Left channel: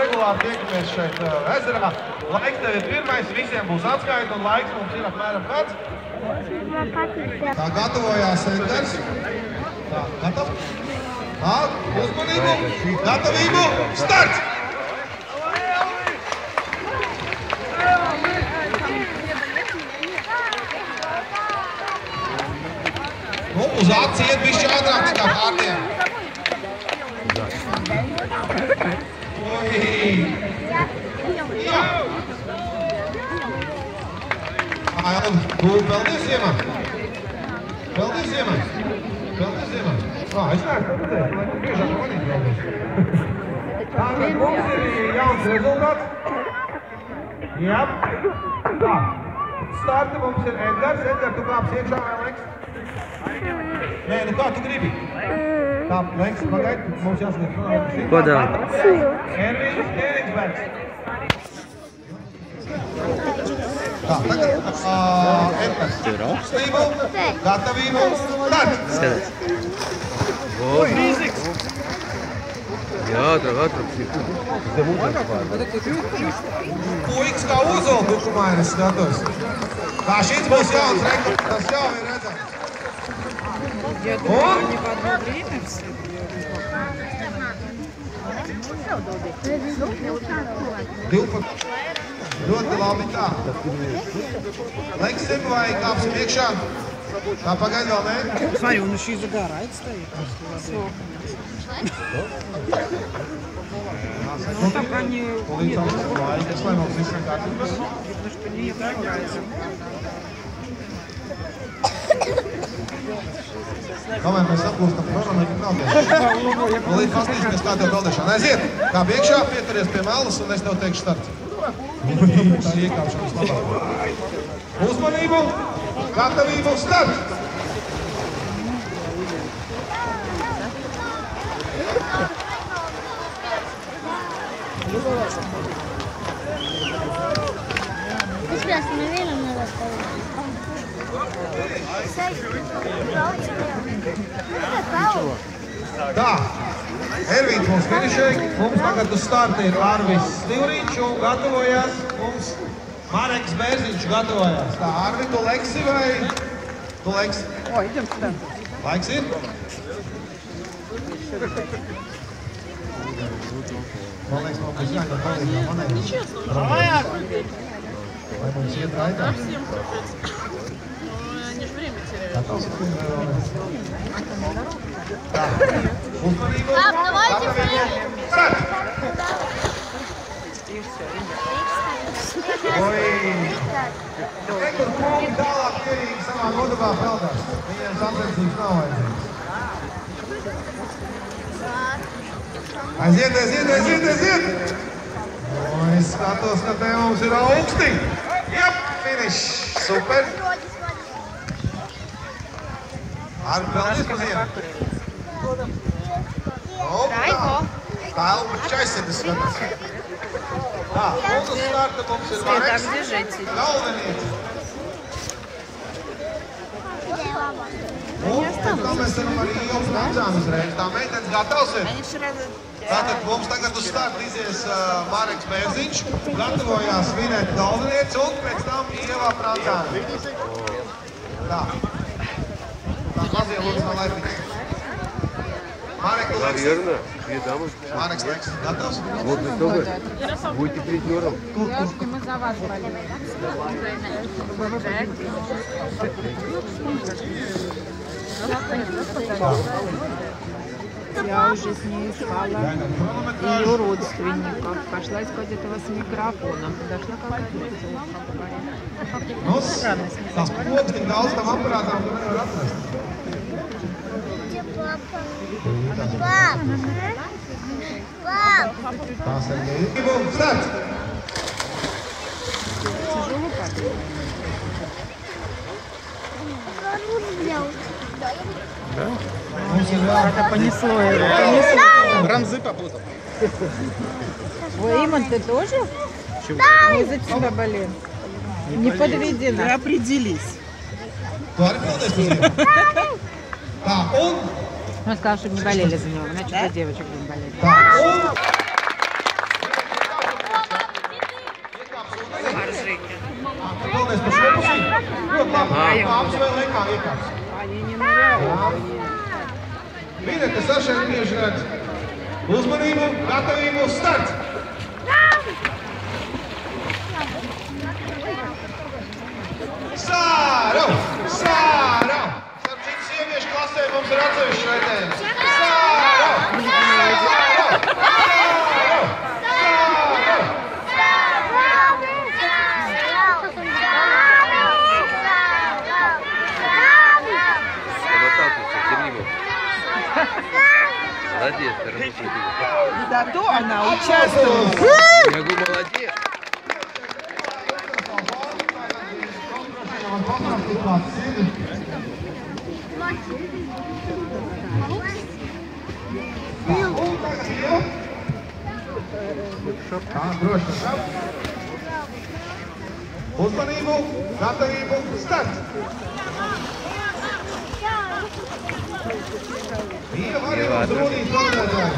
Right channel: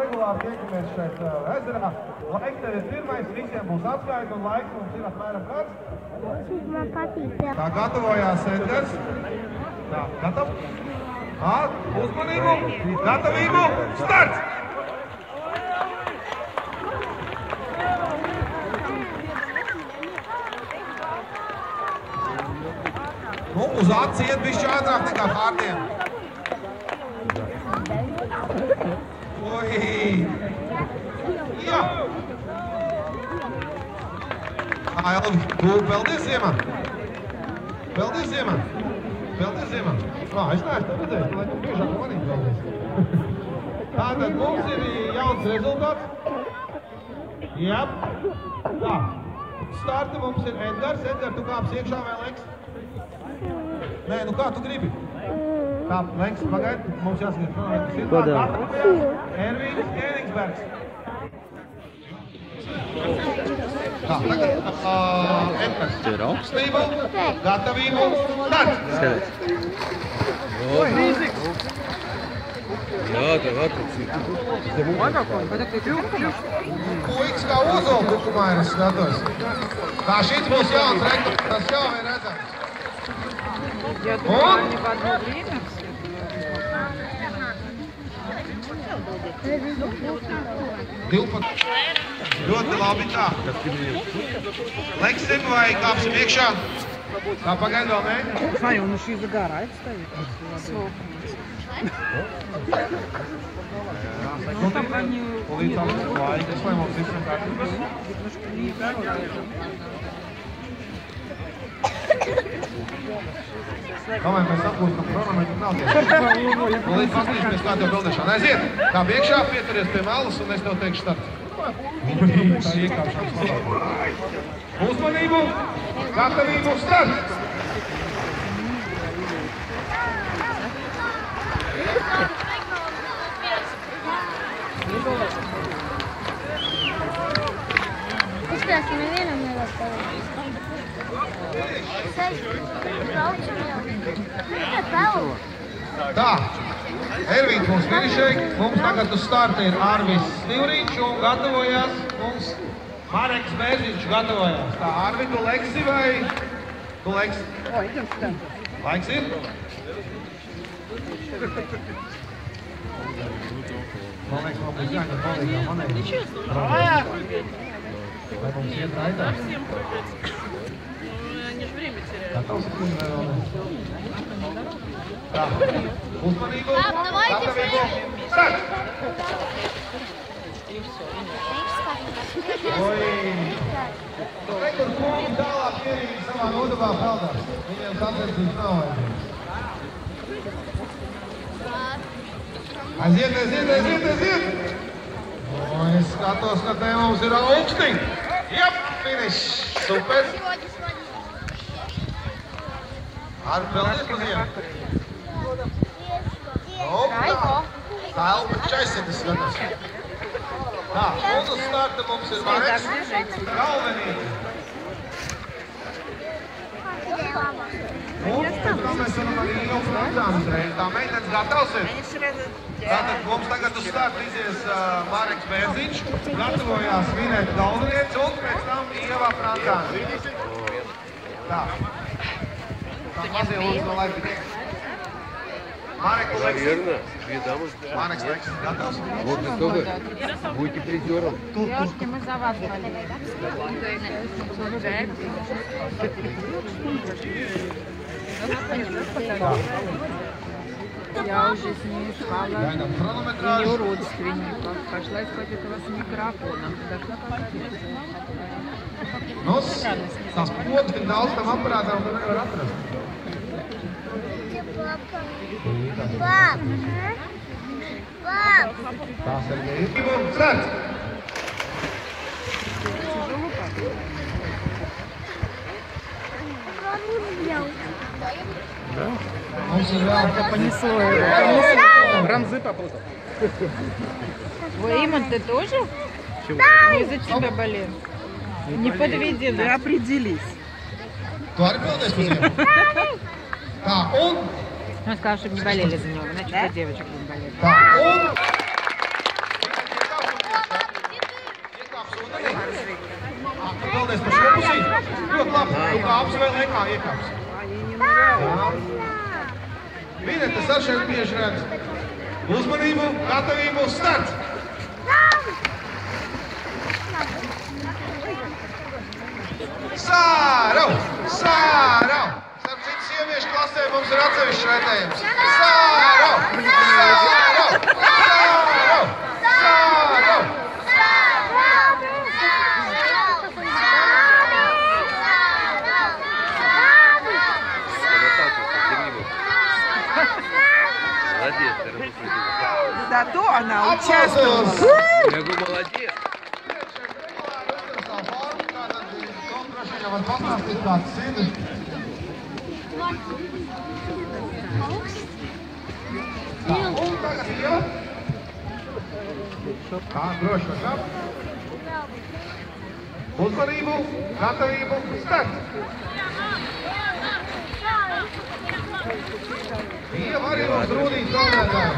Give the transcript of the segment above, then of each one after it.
regulāri tiekamies šeit Ezeramā. Laiks tev ir pirmais, visiem būs atskaita un laiks mums ir apmēram kāds. Tā gatavojās Edgars. Tā, gatav? Uzmanību, gatavību, starts! Nu, uz aci iet bišķi ātrāk nekā pārdiem. Jā! Peldies ziemā! Peldies ziemā! Peldies ziemā! Es neesmu redzējis, lai tu biežāk manīt peldies. Tātad mums ir jauns rezultāts. Jā. Tā. Starta mums ir Edgars. Edgars, tu kāps iekšā vai Leks? Nē, nu kā tu gribi? Tā, Leks, pagaid, mums jāsaka. Kodā? Ervīns Eriksbergs. Tā, tagad Edgars. Augstību, gatavību, start! Skaties. Rīziks! Jā, tev atrakstīt. Puiks kā uzola tukumā ir, es skatos. Tā, šīs būs jauns rekords, tas jau ir redzams. Un? Ļoti labi tā. Leksim vai kāpsim iekšā? Tā pagaid vēl nē? Смотри, он еще и загорает стоит. Tomēr mēs atgūstam kronometru nav vienu. Līdz pastīsimies kā tev peldēšana. Aiziet, kā iekšā, pieturies pie malas un es tev teikšu starts. Tā iekāpšanas labāk. Uzmanību, gatavību, start! Espera, nevienam nevar palīdz. Tā, Ervīns mums finišēja, mums tagad uz starta ir Arvis Stīvrīčs un gatavojās mums Mareks Bērziņš gatavojās. Tā, Arvi, tu leksi vai? Tu leksi? О, идем сюда. Laiks ir? Man liekas, man būs jāņem palīgā monētas. Lai mums iet raitā. Uzmanību. Пап, давайте прыгнем. Rekur kungi tālāk mierīgi savā nodabā peldās. Viņiem sacensības nav vajadzīgs. Aiziet! Es skatos, ka te mums ir augsti. Jap, finish. Super. Arvi, peldies pa ziemu. Tā. Tā Elpuča aizsedas skatās. Tā, un uz starta mums ir Mareks. Galvenīca. Un tā mēs varam arī jums nācām uzreiz. Tā meitenes gatavs ir. Tātad mums tagad uz starta izies Mareks Bērziņš. Gatavojās vinēt galvenīcu un pēc tam Ieva Prancāna. Tā. Tā mazie lūdzu man laikīt. Наверное, две дамы. Марекс, готов? Вот вы только будете призером. Девушки, мы за вас болеем. Я уже с ней искала ее родственников. Пошла искать этого с микрофоном. Подошла к пакету. Nu, tās pogas tik daudz tam aparātam nevar atrast. Где папа? Пап! Пап! Tās ir līdzību. Starts! Тяжело как? Mums ir Понесло. Рамзы попутал. Ой, Иман, ты тоже? Чего? Мы за тебя болеем. Не подведи нас. Вы определись. Tu arī peldies par ziemu? Tā, un... Мы сказали, чтобы не болели за него, иначе про девочек будем болеть. Tā, un... Да, вдвоем. Kāps vēl laikā iekāps. Они не ныряют. Mīļie, kas ar šeit bieži redz. Uzmanību, gatavību, start! Sārau! Sārau! Starp citu, sieviešu klasē mums ir atsevišķi redzējums. Sārau! Sārau! Sārau! Sārau! Молодец, хороший. Зато она участвует. Aplausos! Я говорю, молодец. Viņam var paprastīt kāds sirdi. Tā, un tagad jau. Droši. Uzmanību, gatavību, start! Viņa var jau uzrūdīt tādēļ.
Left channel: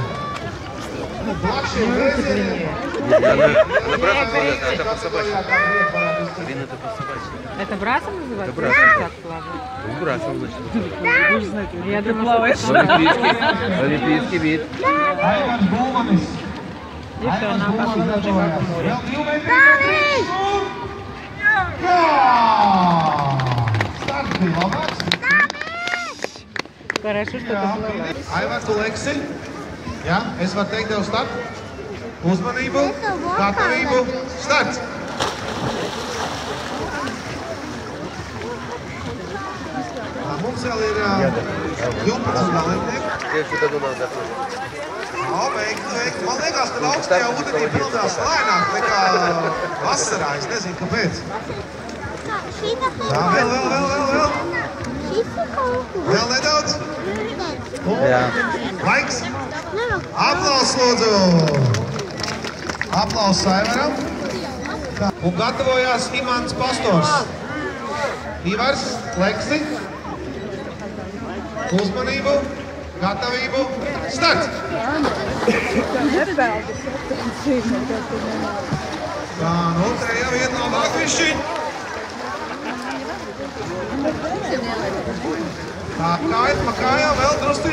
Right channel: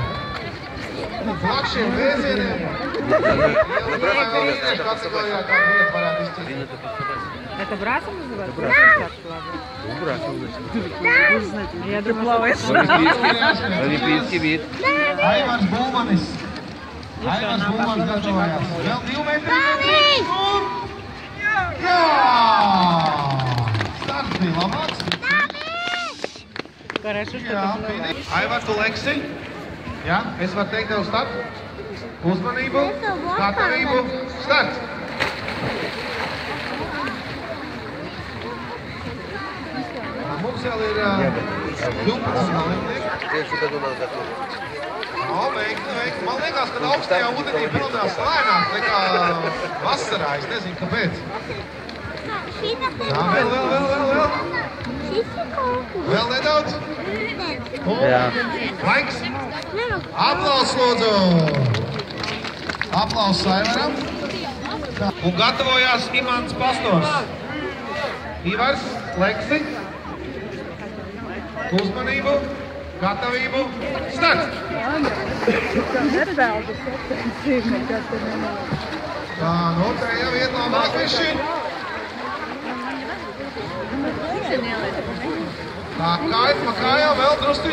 Plakšiem vēzieniem. Это брасом называется? Брасом. Я думаю, плаваешь. Олимпийский вид. Aivars Bulmanis. Aivars Bulmanis gatavojās. Vēl 2 metri un... Jā! Starts bija labāks. Хорошо, что Jā, ты плаваешь. Aivar, tu leksi. Jā, es varu teikt tev start. Uzmanību, gatavību, starts! Mums vēl ir 12 dalībnieki. Tieši tad un atgādāt. Jā, veikti. Man liekas, ka augstajā ūdenī pildās lēnāk nekā vasarā. Es nezinu, kāpēc. Jā, vēl. Vēl nedaudz. Jā. Laiks. Aplaus, lūdzu! Aplaus Aivaram. Un gatavojās Imants Pastors. Ivars, Leksi. Uzmanību, gatavību, starts! Tā, otrajā vietā Magviši. Tā, kājas pa kājām vēl drusku.